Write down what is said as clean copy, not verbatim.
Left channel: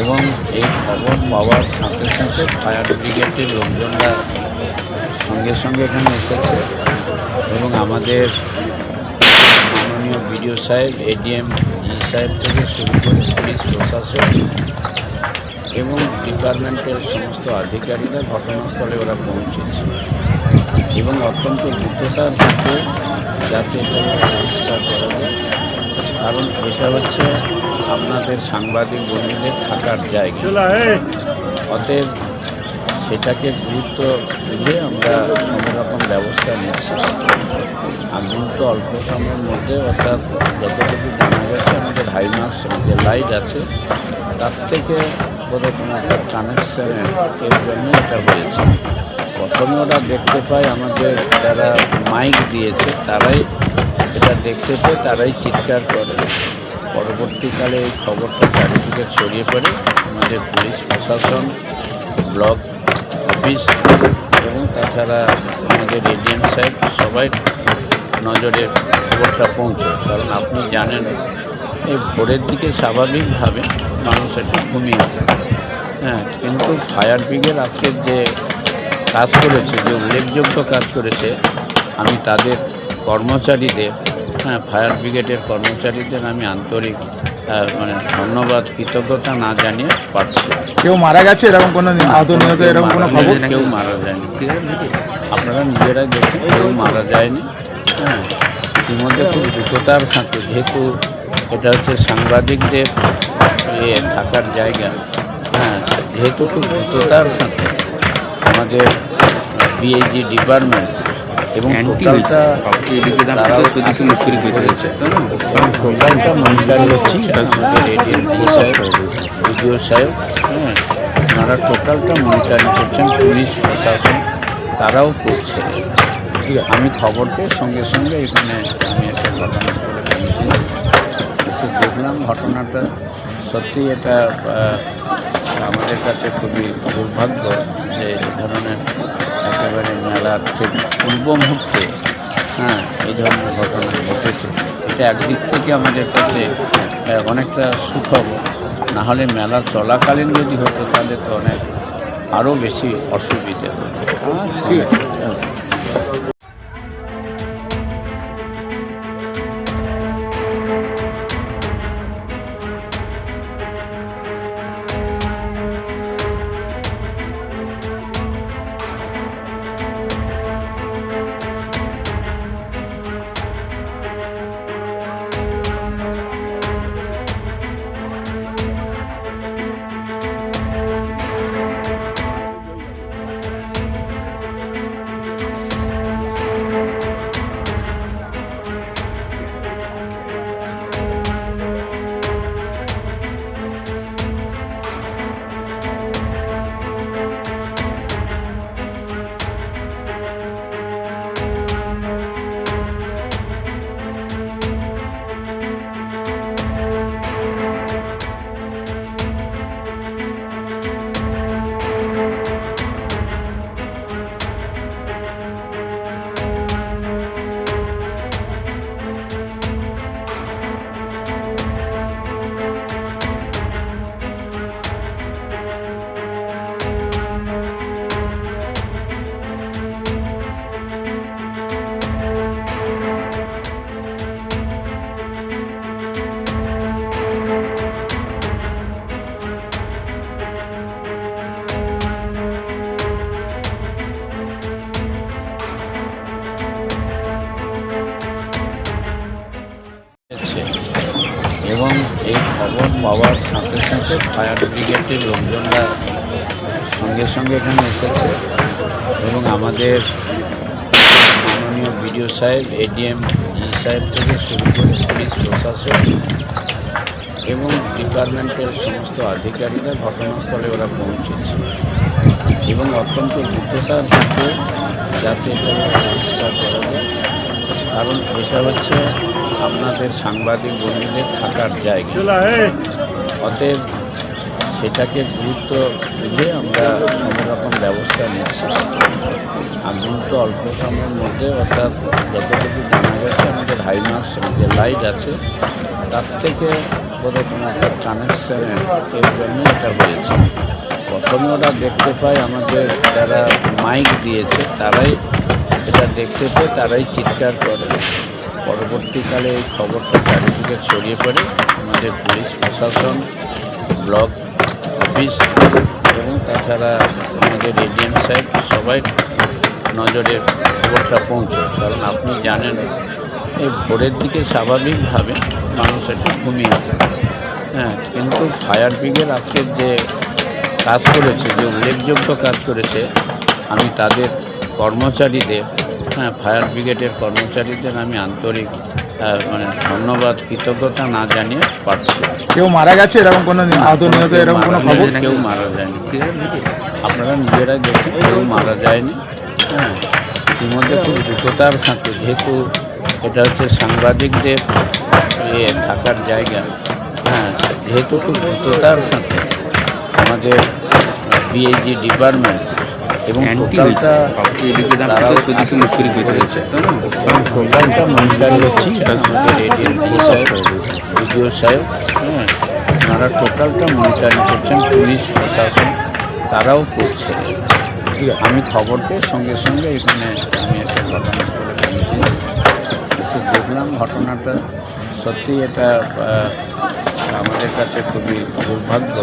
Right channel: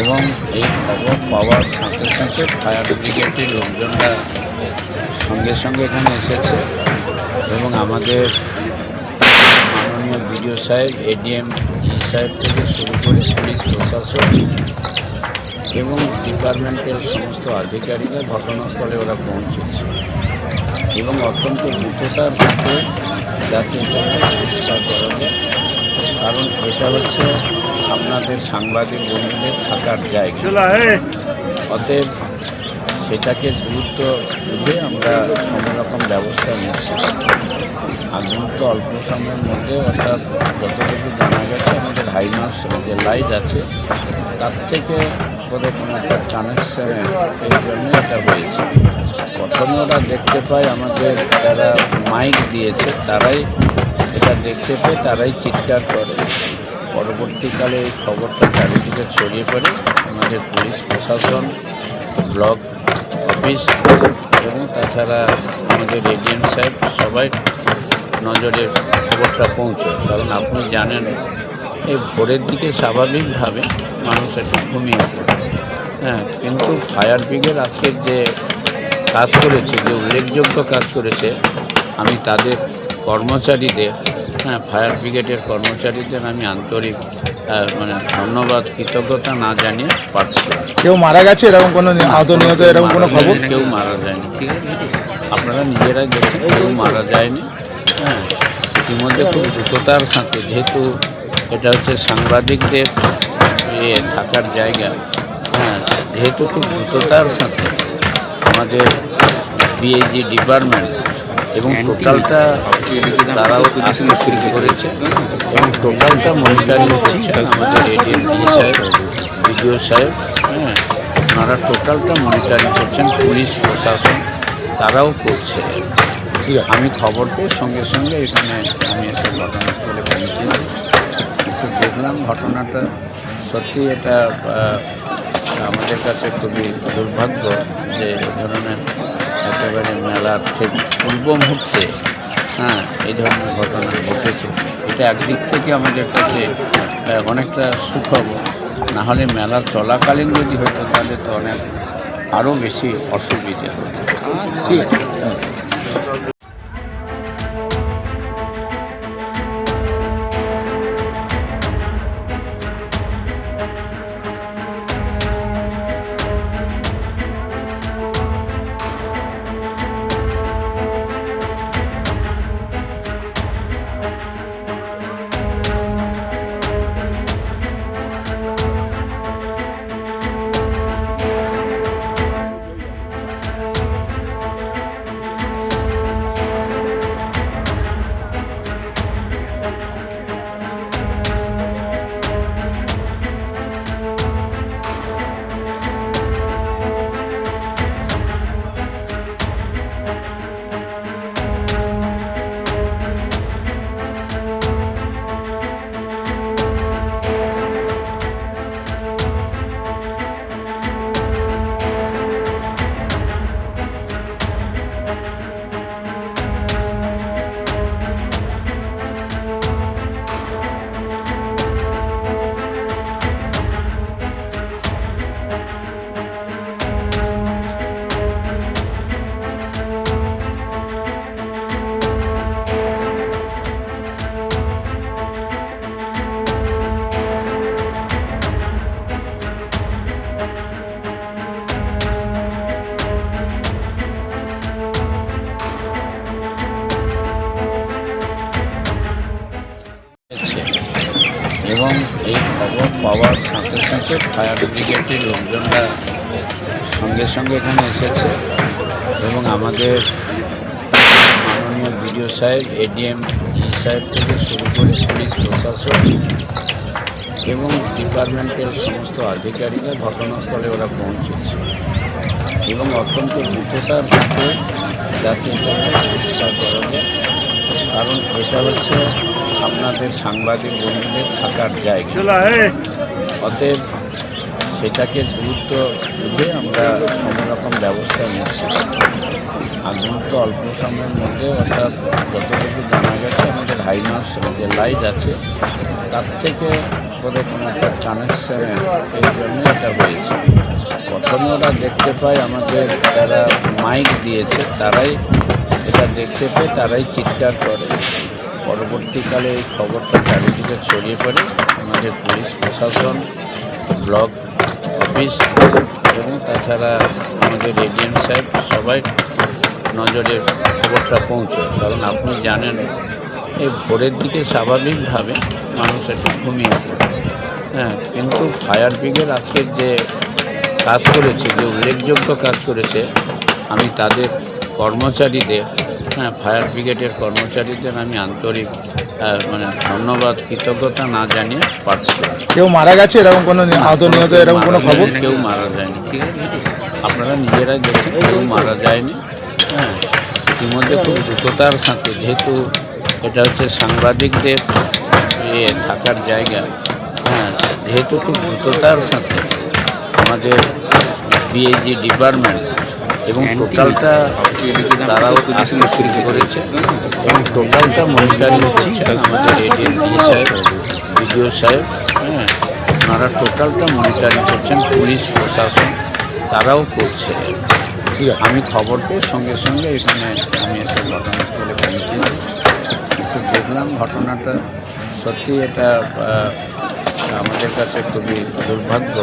এবং এই খবর পাওয়ার সাথে সাথে ফায়ার ব্রিগেডের লোকজনরা সঙ্গে সঙ্গে এখানে এসেছে এবং আমাদের মাননীয় বিডিও সাহেব, এডিএম সাহেব থেকে শুরু করে পুলিশ প্রশাসন এবং ডিপার্টমেন্টের সমস্ত আধিকারিকরা ঘটনাস্থলে ওরা পৌঁছেছে এবং অত্যন্ত দ্রুততার সাথে যাতে এটাকে পরিষ্কার করা যায়, কারণ এটা হচ্ছে আপনাদের সাংবাদিক বন্ধুদের থাকার জায়গা। অতএব সেটাকে গুরুত্ব বুঝে আমরা সব রকম ব্যবস্থা নিচ্ছি। আগুন তো অল্প সময়ের মধ্যে, অর্থাৎ যতটুকু জানা গেছে আমাদের হাইমাস যে লাইট আছে তার থেকে বোধহয় কোনো একটা কানেকশানের এই জন্য এটা হয়েছে। প্রথমে ওরা দেখতে পায়, আমাদের যারা মাইক দিয়েছে তারাই এটা দেখতে পেয়ে তারাই চিৎকার করে। পরবর্তীকালে এই খবরটা চারিদিকে ছড়িয়ে পড়ে আমাদের পুলিশ প্রশাসন, ব্লক অফিস এবং তাছাড়া আমাদের এডিএম সাহেব সবাই নজরে খবরটা পৌঁছয়। কারণ আপনি জানেন এই ভোরের দিকে স্বাভাবিকভাবে মানুষ একটু ঘুমিয়ে পড়ে, কিন্তু ফায়ার ব্রিগেড আজকের যে কাজ করেছে, যে উল্লেখযোগ্য কাজ করেছে, আমি তাদের কর্মচারীদের, ফায়ার ব্রিগেডের কর্মচারীদের আমি আন্তরিক ধন্যবাদ, কৃতজ্ঞতা না জানিয়ে পারছি। কেউ মারা গেছে এরকম কোনো কেউ মারা যায়নি, আপনারা নিজেরাই দেখছেন, কেউ মারা যায়নি। ইতিমধ্যে খুব দ্রুততার সাথে, যেহেতু এটা হচ্ছে সাংবাদিকদের থাকার জায়গা, যেহেতু খুব দ্রুততার সাথে আমাদের বিএইচি ডিপার্টমেন্ট এবং টোটালটা তারাও আসতে শুরু করেছে এবং টোটালটা মনিটরিং করছে আমাদের এডিএম সাহেব, বিডিও সাহেব, ওনারা টোটালটা মনিটরিং করছেন, পুলিশ প্রশাসন তারাও করছে। আমি খবর পেয়ে সঙ্গে সঙ্গে এখানে আমি এসে ঘটনাস্থলে পৌঁছেছি, এসে দেখলাম ঘটনাটা সত্যি এটা আমাদের কাছে খুবই দুর্ভাগ্য যে এই ধরনের একেবারে মেলার ঠিক পূর্ব মুহূর্তে এই ধরনের ঘটনা ঘটেছে। এটা একদিক থেকে আমাদের কাছে অনেকটা সুখবর, না হলে মেলা চলাকালীন যদি হতো তাহলে তো অনেক আরও বেশি অসুবিধা হতো। ঠিক আছে। এবং এই খবর পাওয়ার সাথে সাথে ফায়ার ব্রিগেডের লোকজনরা সঙ্গে সঙ্গে এখানে এসেছে এবং আমাদের মাননীয় বিডিও সাহেব, এডিএম সাহেব থেকে শুরু করে পুলিশ প্রশাসন এবং ডিপার্টমেন্টের সমস্ত আধিকারিকরা ঘটনাস্থলে ওরা পৌঁছেছে এবং অত্যন্ত দ্রুততার সাথে যাতে এটাকে পরিষ্কার করা যায়, কারণ এটা হচ্ছে আপনাদের সাংবাদিক বন্ধুদের থাকার জায়গা। অতএব সেটাকে গুরুত্ব বুঝে আমরা সব রকম ব্যবস্থা নিচ্ছি। আগুন তো অল্প সময়ের মধ্যে, অর্থাৎ যতটুকু জানা গেছে আমাদের হাইমাস যে লাইট আছে তার থেকে বোধহয় কোনো একটা কানেকশানের এর জন্য এটা হয়েছে। প্রথমে ওরা দেখতে পায়, আমাদের যারা মাইক দিয়েছে তারাই এটা দেখতে পেয়ে তারাই চিৎকার করে। পরবর্তীকালে এই খবরটা চারিদিকে ছড়িয়ে পড়ে, আমাদের পুলিশ প্রশাসন, ব্লক অফিস এবং তাছাড়া আমাদের এডিএম সাহেব সবাই নজরে খবরটা পৌঁছয়। কারণ আপনি জানেন এই ভোরের দিকে স্বাভাবিকভাবে মানুষ একটু ঘুমিয়ে পড়ে, কিন্তু ফায়ার ব্রিগেড আজকের যে কাজ করেছে, যে উল্লেখযোগ্য কাজ করেছে, আমি তাদের কর্মচারীদের, ফায়ার ব্রিগেডের কর্মচারীদের আমি আন্তরিক ধন্যবাদ, কৃতজ্ঞতা না জানিয়ে পারছি। কেউ মারা গেছে এরকম কোনো কেউ মারা যায়নি, আপনারা নিজেরাই দেখছেন, কেউ মারা যায়নি। ইতিমধ্যে খুব দ্রুততার সাথে, যেহেতু এটা হচ্ছে সাংবাদিকদের থাকার জায়গা, যেহেতু খুব দ্রুততার সাথে আমাদের পিএইচজি ডিপার্টমেন্ট এবং টোটালটা তারাও শুরু করেছে এবং টোটালটা মনিটরিং করছে আমাদের এডিএম সাহেব, বিডিও সাহেব, ওনারা টোটালটা মনিটরিং করছেন, পুলিশ প্রশাসন তারাও করছে। আমি খবর পেয়ে সঙ্গে সঙ্গে এখানে আমি এসে ঘটনাস্থলে পৌঁছি, এসে দেখলাম ঘটনাটা সত্যি এটা আমাদের কাছে খুবই দুর্ভাগ্য।